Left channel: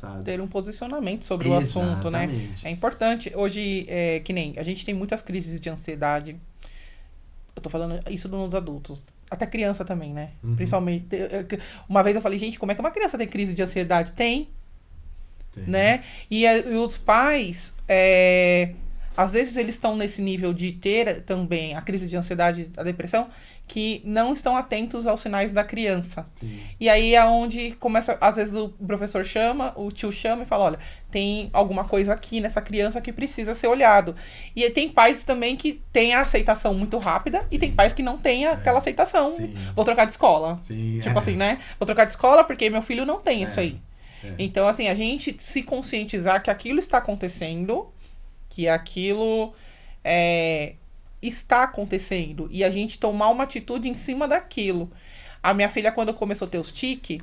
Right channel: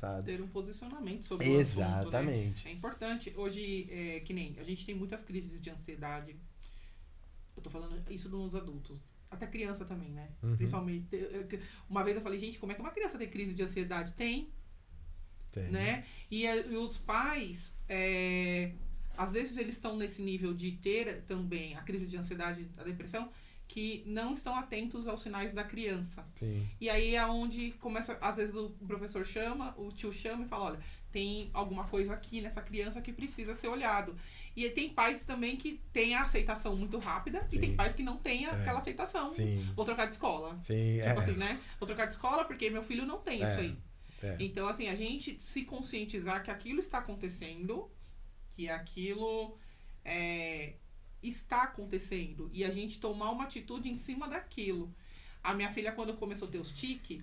passado. Ter um posicionamento sobre o assunto, né? Exatamente. É importante. Hoje, que nem a gente tem muitas crises de ansiedade. Eu tô falando isso nos adultos. Até criança também, né? Principalmente. Uma vez eu falei, gente, como é que uma criança tem crise de ansiedade? Tem, Tem. né? E os pais, às vezes eles estão nesse nível de ter também a crise de ansiedade, a depressão, que não estão atentos aos sinais da criança. Sim. E aí é onde começa, às vezes o professor chama, o tio chama e fala, olha, tem alguma coisa aqui nessa criança que precisa ser olhado. E tem pais também que têm a aceitação muito rápida e tem pais que não têm aquela aceitação. Sim. Vou trocar de escola. Sim, Tipo assim, né? Vou trocar de escola porque meu filho não tem isso aí. É. Então, assim, a gente se conscientizar que aquilo está acontecendo, que aquilo está acontecendo, e a gente tomar uma atitude em cima daquilo. A minha filha, quando começou a ter os tiques,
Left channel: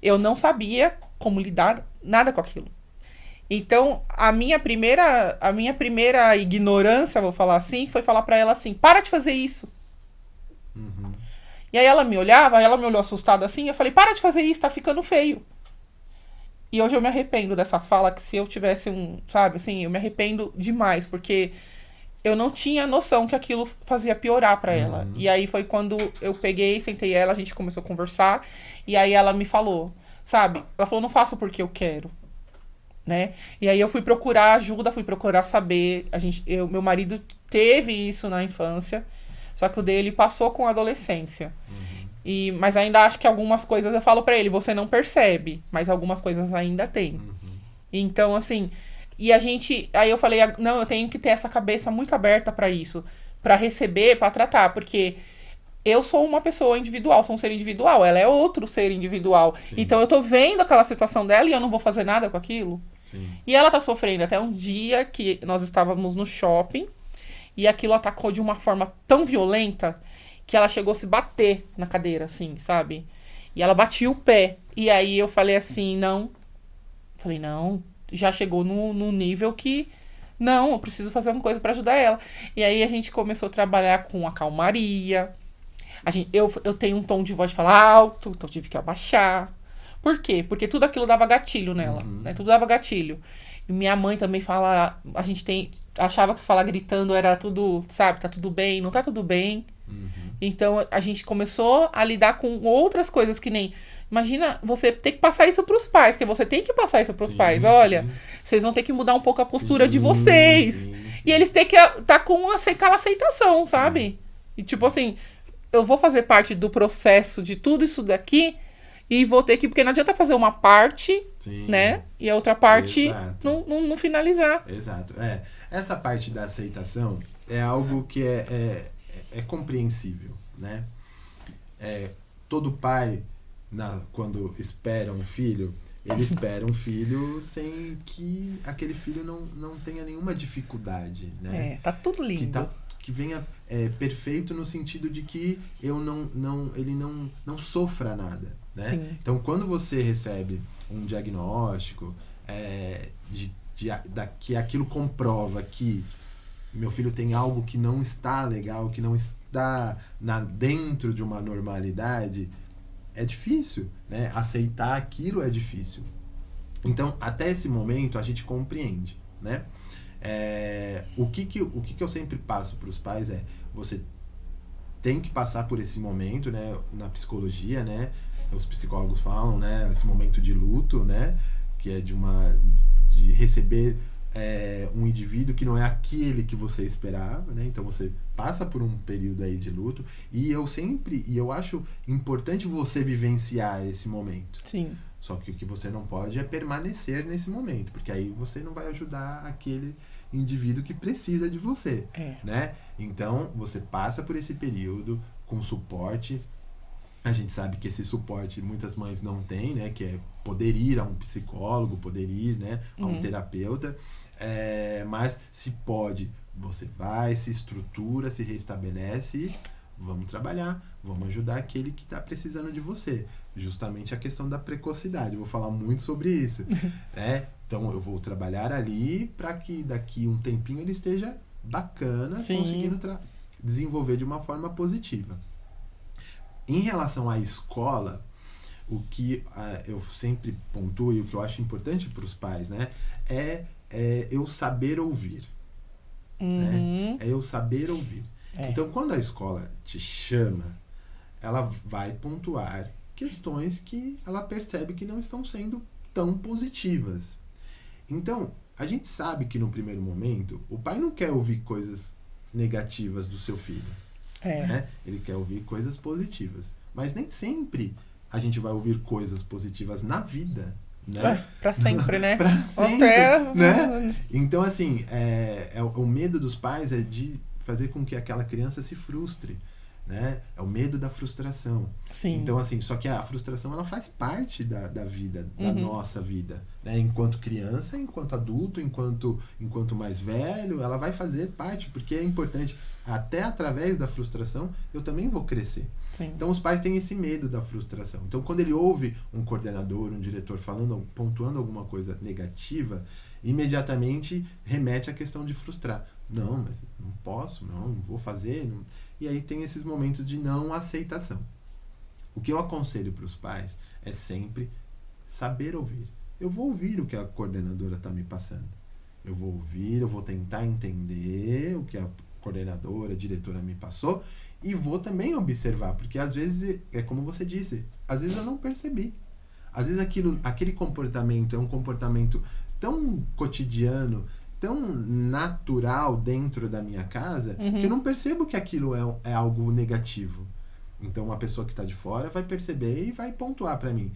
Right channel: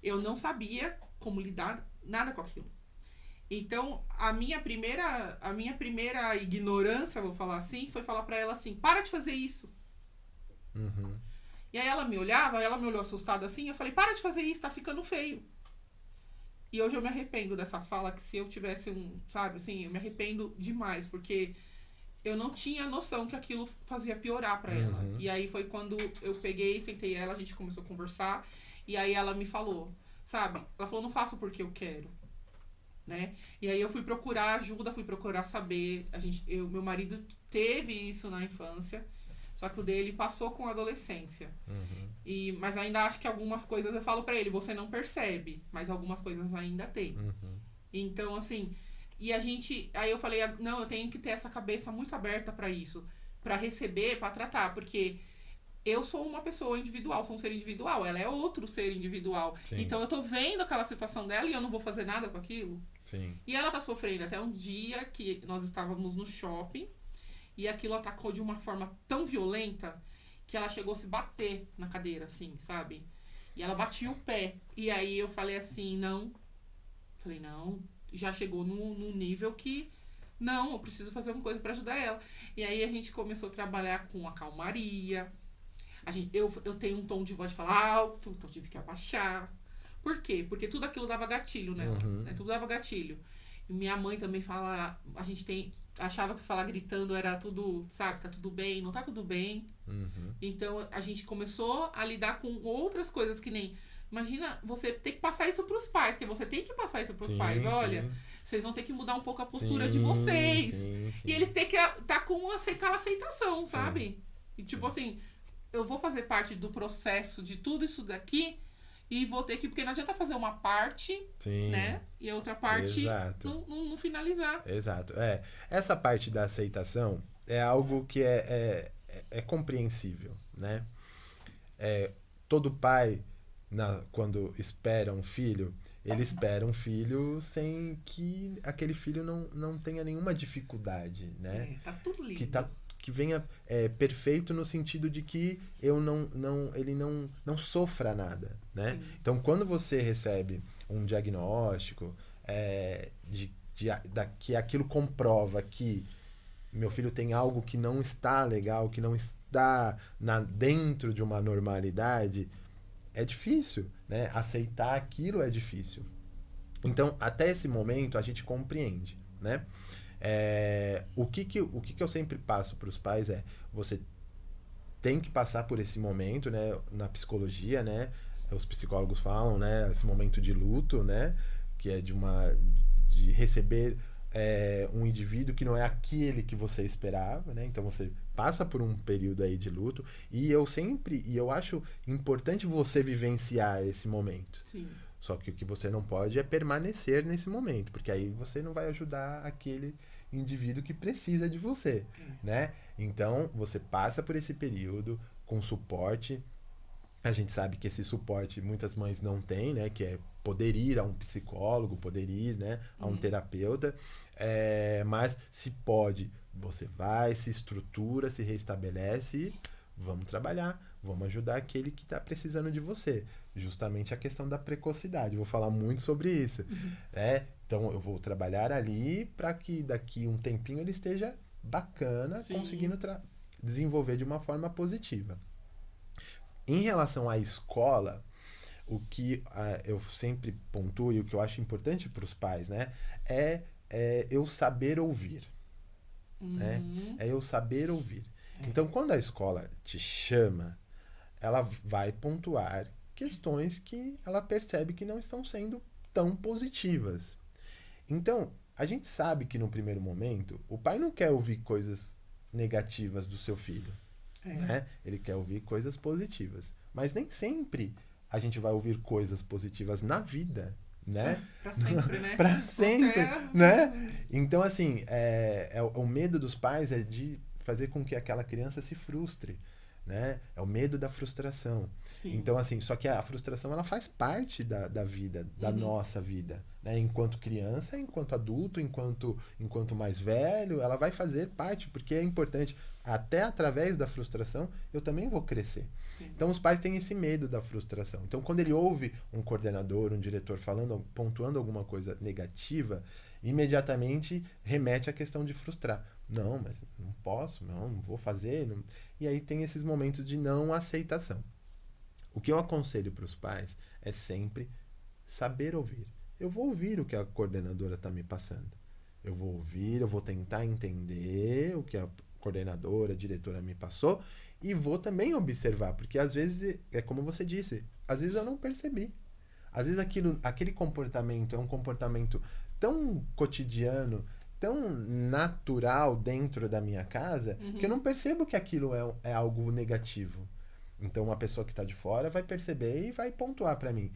eu não sabia como lidar nada com aquilo. Então, a minha primeira ignorância, vou falar assim, foi falar pra ela assim, para de fazer isso. E aí ela me olhava, ela me olhou assustada assim, eu falei, para de fazer isso, tá ficando feio. E hoje eu me arrependo dessa fala, que se eu tivesse sabe, assim, eu me arrependo demais, porque eu não tinha noção que aquilo fazia piorar pra ela. E aí foi quando eu peguei, sentei ela, a gente começou a conversar, e aí ela me falou, sabe? Ela falou, não faço porque eu quero, né? E aí eu fui procurar ajuda, fui procurar saber. Meu marido teve isso na infância, só que o dele passou com a adolescência. Mas ainda acho que algumas coisas eu falo pra ele, você não percebe, mas algumas coisas ainda tem. Então, assim, aí eu falei, não, eu tenho que ter essa cabeça muito aberta pra isso, pra receber, pra tratar, porque eu sou uma pessoa individual, sou um ser individual, ela é outro ser individual. Sim. Então eu tô vendo aquela situação dela e eu não vou fazer nada com aquilo. Sim. E ela tá sofrendo até um dia que nós estávamos no shopping e aquilo atacou de uma forma tão violenta que ela chegou a se bater na cadeira, assim, sabe? E ela batia o pé. E aí eu falei assim, não. Falei, não, já chegou no nível que... Não, eu preciso fazer alguma coisa pra ajudar ela. E aí a gente começou a trabalhar com a calmaria. Eu tenho um tom de voz de falar alto, então eu tive que abaixar. Por quê? Porque tudo aquilo dava gatilho nela, né? Tudo dava gatilho. E minha mãe também fala... achava que falar gritando era tudo, sabe? Tá tudo bem, não tá tudo bem. Então, a gente começou a lidar com outras coisas que nem... Imagina, você ter que passar isso pros pais, que você tem que passar isso pros pais. Olha, vocês vão ter que mudar um pouco a postura de vocês. E eles têm que estar com aquela aceitação, sabe? E tipo assim, eu vou fazer parte do processo de tudo isso daqui e vou ter que... Porque não adianta fazer uma parte, né? E a outra parte não finalizar. Exato. Essa parte da aceitação é algo que é compreensível, né? Todo pai, quando espera um filho, ele espera um filho sem que aquele filho não tenha nenhuma dificuldade, né? Tá tudo lindo. Que venha perfeito no sentido de que ele não sofra nada, né? Sim. Então, quando você recebe um diagnóstico que aquilo comprova que meu filho tem algo que não está legal, que não está dentro de uma normalidade, é difícil, né? Aceitar aquilo é difícil. Então, até esse momento, a gente compreende, né? O que eu sempre passo para os pais você tem que passar por esse momento, né? Na psicologia, né? Os psicólogos falam, né? Esse momento de luto, né? Que é de receber um indivíduo que não é aquele que você esperava, né? Então você passa por um período aí de luto e eu acho importante você vivenciar esse momento. Sim. Só que o que você não pode é permanecer nesse momento, porque aí você não vai ajudar aquele indivíduo que precisa de você, né? Então você passa por esse período com suporte. A gente sabe que esse suporte muitas mães não têm, né? Que é poder ir a um psicólogo, poder ir, né, a um terapeuta. Mas se pode, você vai, se estrutura, se restabelece e vamos trabalhar, vamos ajudar aquele que está precisando de você. Justamente a questão da precocidade. Vou falar muito sobre isso. Então eu vou trabalhar ali para que daqui um tempinho ele esteja bacana, conseguindo desenvolver de uma forma positiva. Em relação à escola, o que eu sempre pontuo e o que eu acho importante para os pais, né? É eu saber ouvir, né? Uhum. É eu saber ouvir. É. Então, quando a escola te chama, ela vai pontuar questões que ela percebe que não estão sendo tão positivas. Então, a gente sabe que no primeiro momento, o pai não quer ouvir coisas negativas do seu filho, É. né? Ele quer ouvir coisas positivas. Mas nem sempre a gente vai ouvir coisas positivas na vida, né? Pra sempre, né? Pra sempre, Até... né? Então, assim, o medo dos pais é de fazer com que aquela criança se frustre, né? É o medo da frustração. Sim. Então, assim, só que a frustração, ela faz parte da vida, da Uhum. nossa vida, né? Enquanto criança, enquanto adulto, enquanto mais velho, ela vai fazer parte, porque é importante. Até através da frustração, eu também vou crescer. Sim. Então, os pais têm esse medo da frustração. Então, quando ele ouve um coordenador, um diretor pontuando alguma coisa negativa, imediatamente remete à questão de frustrar. Não, mas não posso, não vou fazer. Não. E aí tem esses momentos de não aceitação. O que eu aconselho para os pais é sempre saber ouvir. Eu vou ouvir o que a coordenadora está me passando. Eu vou ouvir, eu vou tentar entender o que a coordenadora, a diretora me passou e vou também observar, porque às vezes, é como você disse, às vezes eu não percebi. Às vezes aquele comportamento é um comportamento tão cotidiano, tão natural dentro da minha casa, que eu não percebo que aquilo é algo negativo. Então, uma pessoa que está de fora vai perceber e vai pontuar para mim.